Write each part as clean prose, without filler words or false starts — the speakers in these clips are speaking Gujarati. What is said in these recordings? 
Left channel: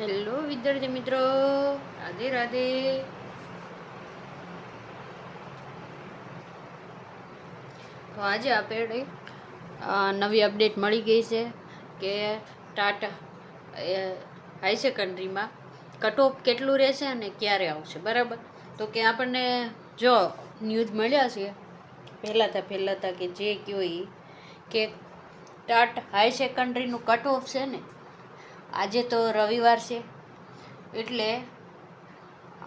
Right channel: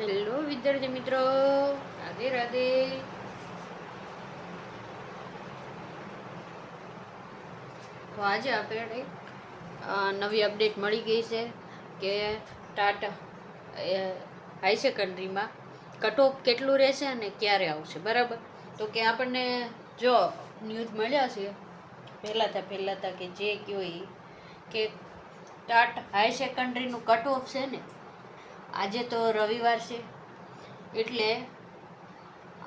હેલો વિદ્યાર્થી મિત્રો, રાધે રાધે. તો આજે આપણે નવી અપડેટ મળી ગઈ છે કે ટાટ હાઈ સેકન્ડરીમાં કટ ઓફ કેટલું રહેશે અને ક્યારે આવશે, બરાબર. તો કે આપણને જો ન્યૂઝ મળ્યા છે પહેલાં કે જે કયો એ કે ટાટ હાઈ સેકન્ડરીનું કટ ઓફ છે ને, આજે તો રવિવાર છે એટલે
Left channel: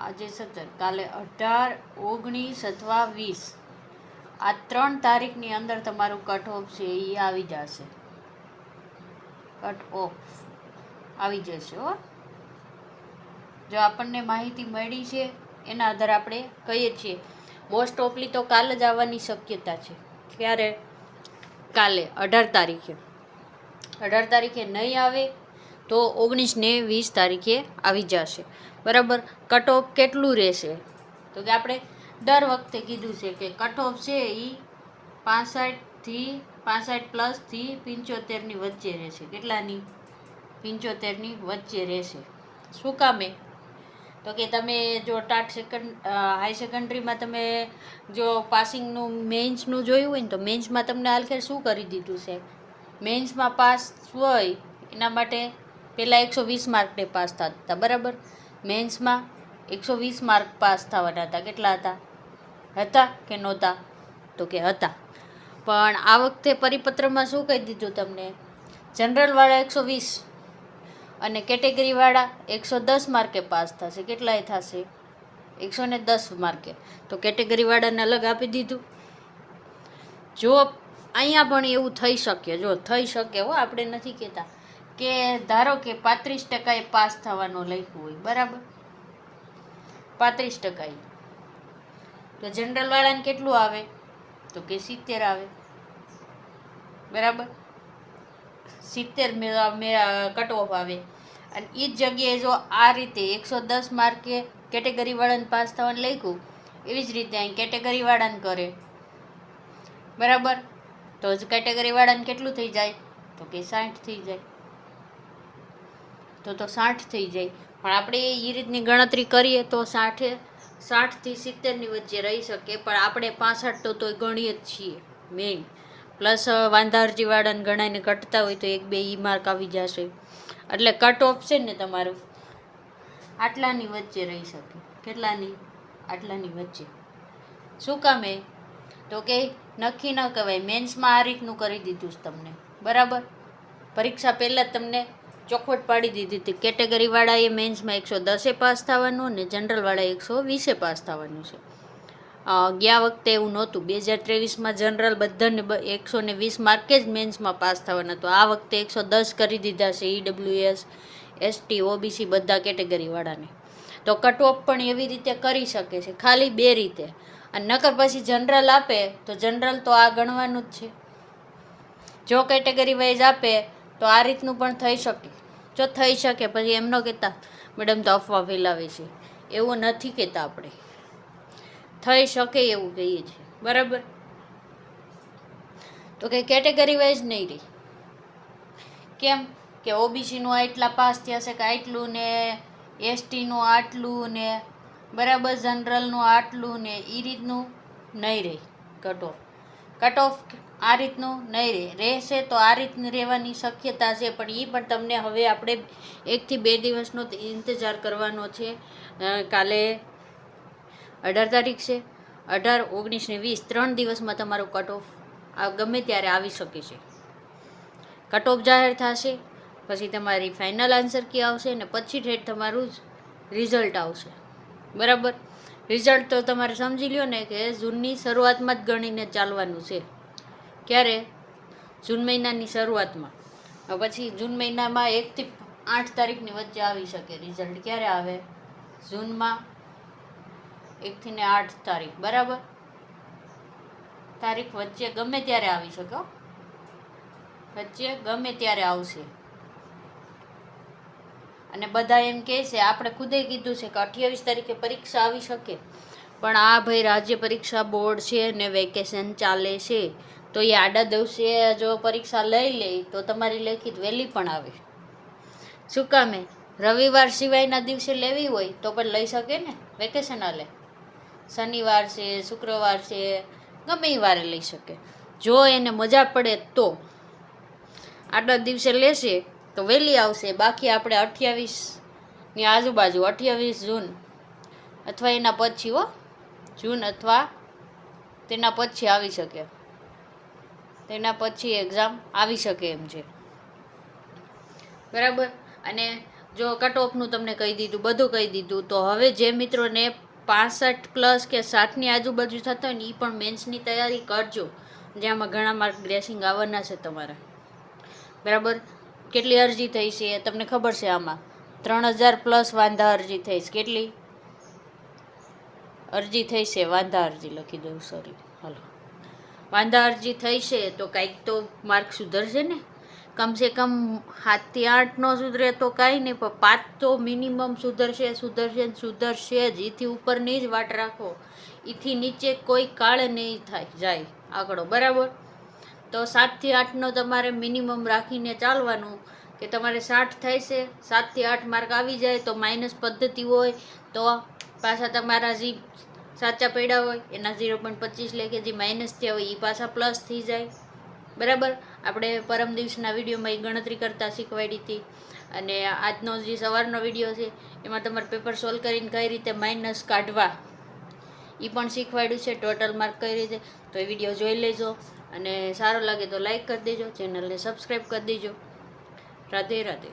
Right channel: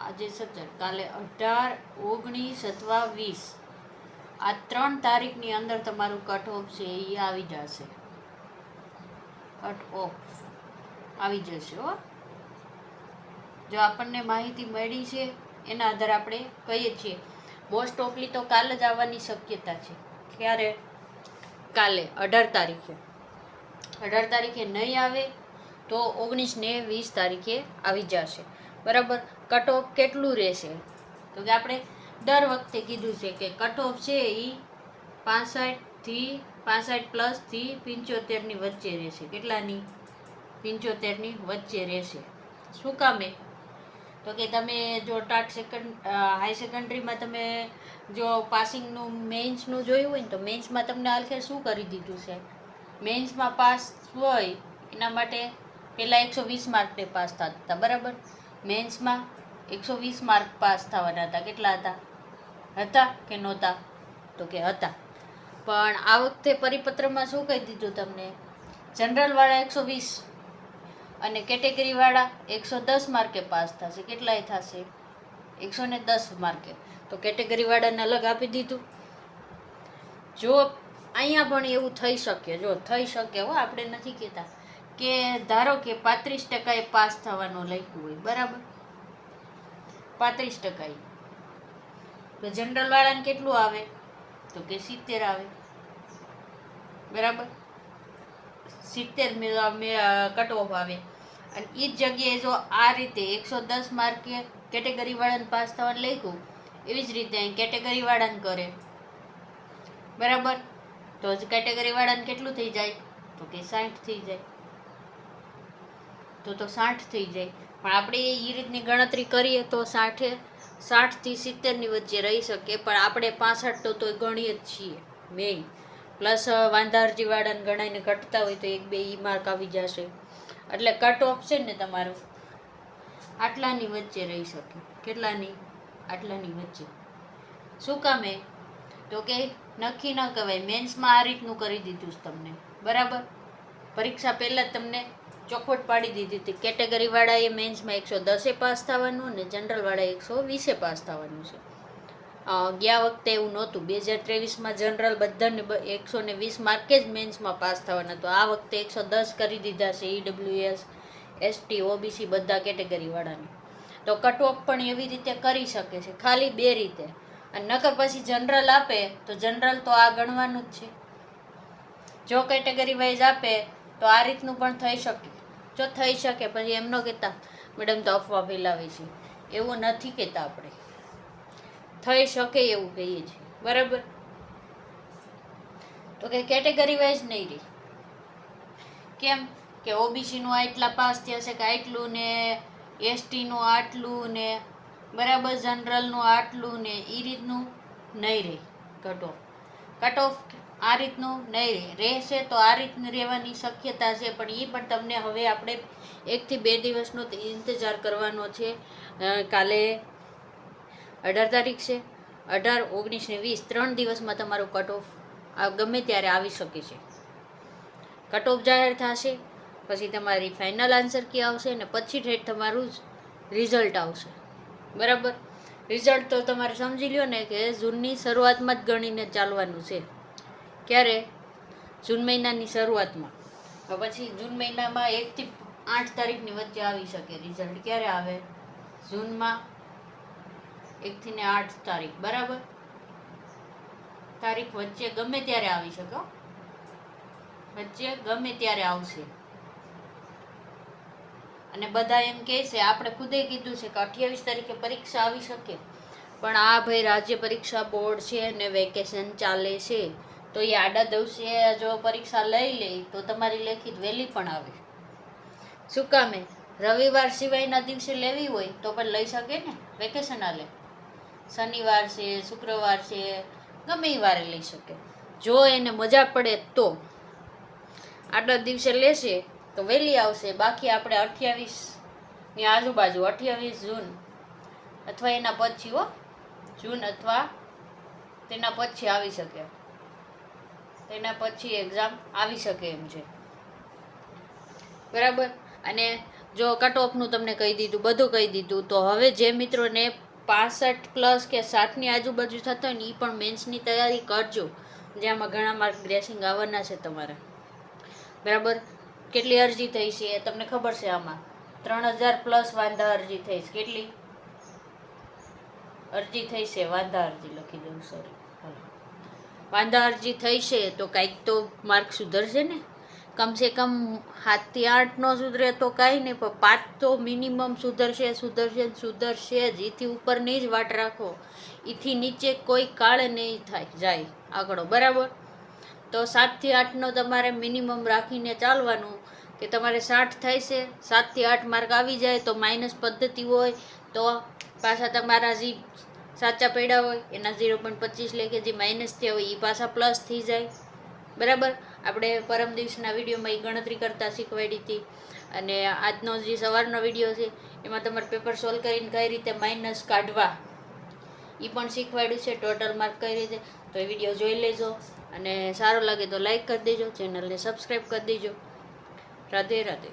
આજે 17, કાલે 18, 19 અથવા 20, આ 3 તારીખની અંદર તમારું કટ ઓફ છે એ આવી જશે. કટ ઓફ આવી જશે હો. જો આપણને માહિતી મળી છે એના આધારે આપણે કહીએ છીએ મોસ્ટ ઓફલી તો કાલે જ આવવાની શક્યતા છે. ક્યારે? કાલે 18 તારીખે. 18 તારીખે નહીં આવે તો 19 ને 20 તારીખે આવી જશે, બરાબર. કટ ઓફ કેટલું રહેશે તો કે આપણે દર વખતે કીધું છે કે કટ ઓફ છે એ 65+થી 75ની વચ્ચે રહેશે. કેટલાની? 75ની વચ્ચે રહેશે. શું કામે? તો કે તમે જો હાઈ સેકન્ડરીમાં તમે જો પાસિંગનું મેન્સનું જોયું હોય ને, તો મેન્સમાં તમને આખરે શું કરી દીધું છે, મેન્સમાં પાસ હોય એના માટે પહેલાં 120 માર્કને પાસ થતા હતા, બરાબર. મેન્સમાં 120 માર્ક પાસ થવાના હતા. કેટલા હતા કે નહોતા? તો કે હતા. પણ આ વખતે પરિપત્રમાં શું કહી દીધું તમને? જનરલવાળા 120 અને કેટેગરીવાળા 110 માર્કે પાસ થશે. કેટલાય થશે? 110 માર્કે. તો કેટેગરીવાળાને અલગ આપી દીધું. જો અહીંયા પણ એવું થઈ શકે, જો થઈ શકે હો, આપણે નથી કહેતા કે ધારો કે 35% પાસ થવાનું લખ્યું હોય, બરાબર. 35% તો જનરલવાળાને કેટલું આવે? તો કે 70 આવે, બરાબર. 70 કટ ઓફ આવે. અને એ જ જગ્યાએ જો આ રીતે 110 માર્કે કેટેગરીવાળાને પાસ થવાનું લખ્યું, એવી જ રીતે અહીં કેટેગરીવાળાને કરે, બરાબર. તો કેટેગરીવાળાને કેટલું થઈ જાય? તો કે 60 થઈ જાય. તો 60 થઈ જાય. પણ આપણે એ રીતની ગણતરી કરીએ તો 60થી 70ની વચ્ચે રહી શકે. પણ આપણે 65 તો ગણીએ જ છીએ મેઇન. પ્લસ વાંધા અરજીવાળાને ગણાઈને ઘટતા હોય તો 1-2 માર્ક આવી જશે. એટલે કટ ઓફ છે ને તમારું આટલાની વચ્ચે રહી શકે. કેટલાની? આટલાની વચ્ચે. શું કામે? તો કે નક્કી ન કહેવાય. મેન્સમાં આ રીતનું કરી દીધું છે તમને, બરાબર. પરીક્ષા પહેલાં જ તમને ચોખવટ પાડી દીધી હતી. કેટેગરીવાળાએ મેન્સમાં 110 પાસ થવાનું અને જનરલવાળાએ 120 પાસ થવાનું છે. ગયા વખતે એવું નહોતું. 2023માં જનરલ બધાને 120 માર્કે જ મેન્સમાં પાસ થવાના હતું. આ વખતે 110 કરી દીધા છે EWS, ST, OBC બધા કેટેગરીવાળાને. તો કટ ઓફ પણ એવી રીતે કરી શકે છે, ખાલી 2 રીતે. અને નકર પછી જનરલ આપે તો જનરલ તો આ ગણવાનું જ છે. જો કેટેગરી વાઇઝ આપે તો આ રીતનું પણ થઈ શકે. જો થઈ શકે પછી એમ ન કહેતા મેડમ તો અફવા ફેલાવે છે, એવું નથી કહેતા આપણે. થઈ શકે એવું કહીએ છીએ, બરાબર. તો કે કેટેગરી વાઇઝ નહીં રહી. કેમ કે ઓબીસીનું આટલા પાસ થયા છે કે આટલું ને, એસટીનું આટલું ને, બરાબર, જનરલનું આટલું ને, એ રીતનું નહીં રહે કટ ઓફ. કટ ઓફ આ રીતનું નહીં રહેશે. તો આ રીતની રહેવાની શક્યતા છે. પણ એ પણ તમને હવે આપણે 1 થી 2 દિવસનો ઇંતજાર કરવાનો છે. કાલે 18 તારીખ છે. 18, 19 ને 20 3 દિવસમાં તમારું કટ ઓફ ગમે ત્યારે આવી શકે છે. કટ ઓફ જાહેર થશે પછી તમારી ફાઇનલ આન્સર કી આવશે ને પછી ઠેઠ તમારું રિઝલ્ટ આવશે, બરાબર. રિઝલ્ટ તો તમારે સમજી લ્યો ને કે જૂનની શરૂઆતમાં જ ગણીને ચાલવાનું છે. ક્યારે? જૂન મહિનાની શરૂઆતમાં. તો પછી જૂન મહિનામાં 1 થી 8 તારીખની વચ્ચે આવી શકે રિઝલ્ટ. ક્યારે આવે? જૂનમાં 1 થી 8 તારીખ, બરાબર. તારીખ વચ્ચે ગમે ત્યારે આવી શકે, વચ્ચે ગમે ત્યારે આવશે. અને બધા એમ કહે છે, આપણે ખુદે કીધું છે કે 28 તારીખે પરીક્ષા આવી શકે. પણ આ ભાઈ રાજ્ય પરીક્ષા બોર્ડ છે ને વેકેશન ચાલે છે, તો એ આડા દિવસે જો પરીક્ષા લઈ લે તો તમારી લેખિત વહેલી પણ આવે. શું કામે? રવિવાર સિવાયના દિવસે લેવી હોય તો પણ લઈ શકે ને, વેકેશન હાલે. શનિવાર છે, શુક્રવાર છે, ગમે એ વારે લઈ શકે, જો એને મજા પડે તો. આટલા દિવસે લેશે તો વહેલી આવશે, બાકી આપણે 28ની આજુબાજુ 28 જૂન અથવા એના પછી જૂન અથવા તેના પછી આવી શકે, તેના પછી એક્ઝામ આવી શકે એમ છે, બરાબર. અને જો કટ ઓફનું તમને કહી દીધું, બધું કહી દીધું, તો હવે જે મિત્રોને 65+ કે 60ની આજુબાજુ થતા હોય ને એ પણ મેન્સની તૈયારી કરજો, જેમાં ઘણા માર્ક ગ્રેસિંગ આવવાના છે તમારા, બરાબર. કેટલી અરજી થઈ છે તમને ખબર છે? આમાં 3000+ વાંધા અરજી થઈ છે. કેટલી અરજી થઈ છે? વાંધા અરજી લખી દઉં, સોરી, વાંધા અરજી થઈ છે, તો કાંઈક તો માર્ક સુધરશે ને. કમસે કમ 7 થી 8 ન સુધરે તો કાંઈ નહીં, પણ 5 તો મિનિમમ સુધરશે જ. એથી ઉપરની જ વાટ રાખો, એથી નીચે કોઈ કાળ નહીં જાય આંકડો, બરાબર. તો 7 થી 8નો તમારે મિનિમમ રાખીને ચાલવાનું, કે તમારે 60 થાય છે, 7 થી 8 માર્ક આવી જાય તો માઇનસ પદ્ધતિ હોય, તો પાછા તમારા જે સાચા પડ્યા હોય એના 0.25 લે, કે જે માઇનસ થયા હોય એ પાછા પ્લસ થઈ જાય, બરાબર. આપણે પરમ દિવસના વિડીયોમાં એ ગણતરી કરતા શીખવાડી હતી, અને આજનો જે સવારનો વિડીયો છે એમાં તમારે પેપર સોલ્વ કરીને કઈ રીતે માઇનસ કાઢવા એ પણ શીખવાડ્યું છે, ટોટલ માર્ક કઈ રીતે. તો એ વિડીયો જોઈ લેજો, અને સારો લાગે તો લાઈક કરી દેજો, ચેનલને સબસ્ક્રાઈબ કરી દેજો. રાધે રાધે.